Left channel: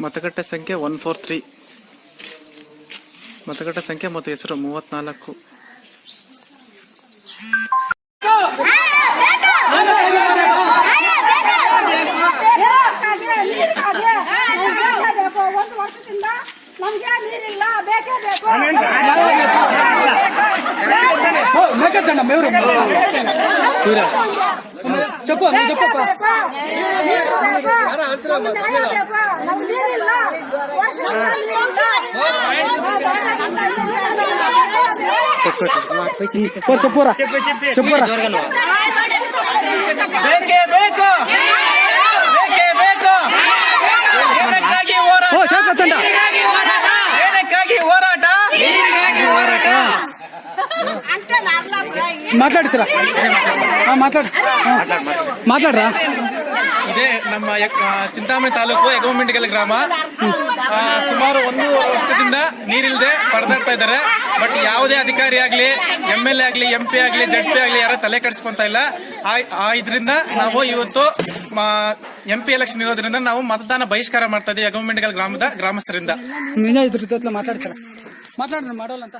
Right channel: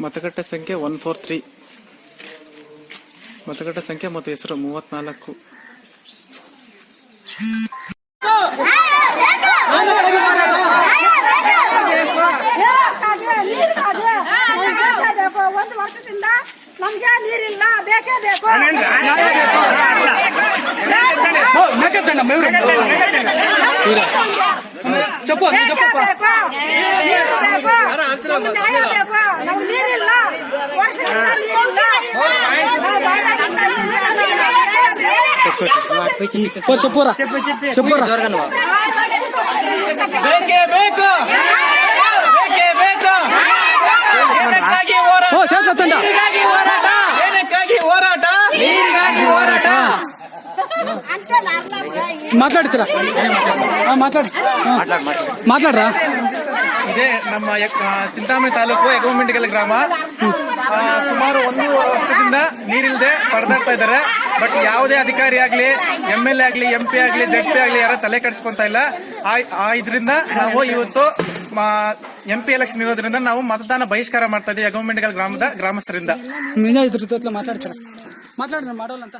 ಮತಗಟ್ಟೆ ಸಂಖ್ಯೆ one four three ಮತಗಟ್ಟೆ ಸಂಖ್ಯೆ ಮತ್ತು ಹೆಸರು ಮೂವತ್ನಾಲ್ಕು ಒಂದು ವರ್ಷದಿಂದ ನಮ್ಗೆ ನೀರಿಲ್ಲ ಬೇಕು ಬೇಕೇ ಬೇಕು ನೀರು ಬೇಕು ನಮ್ಗೆ ನ್ಯಾಯ ಮಾತಾಡ್ತೀರಾ? ಮಾತಾಡ್ರ ಮಾತಾಡ್. ಮಾತಾಡ್ರಾ? ಇದೇ ನಮ್ಮ ಚಿಂತಾಮಣಿ ತಾಲೂಕು ಎಗೋಮಿಂಡಿಗಲ್ ಗ್ರಾಮ. ಸುಮಾರು ಒಂದು ವರ್ಷದಿಂದ ನೀರಿಲ್ಲದೆ ಪರದಾಡ್ತಾ ಇದ್ದಾರೆ. ಬಟ್ ಯಾವುದೇ ಅಧಿಕಾರಿ ಆಗಲಿ ಎಂ ಎಲ್ ಎ ಆಗಲಿ ಎಂ ಪಿ ಆಗ್ಲಿ ಜಡ್ ಪಿ ಆಗಲಿ ಯಾರ ತಲೆ ಕೆಡಿಸ್ಕೊಂತ ಇಲ್ಲ. ಇದರಿಂದ ನಾವು ಇವತ್ತು ಎಂ ಪಿ ಎಲೆಕ್ಷನ್ ಇರೋದ್ರಿಂದ ನಾವು ಮತದಾನ ಬಹಿಷ್ಕಾರ ಮಾಡ್ತಾ ಇದ್ದೀವಿ ಎಗೋಮಿಂಡಿಗಲ್ ಗ್ರಾಮದ ಗ್ರಾಮಸ್ಥರಿಂದ. ಮಾತಾಡ್ತಾರ? ಮಾತಾಡಿದ್ರೆ ಮಾಡೋಲ್ಲ ಅಂತ.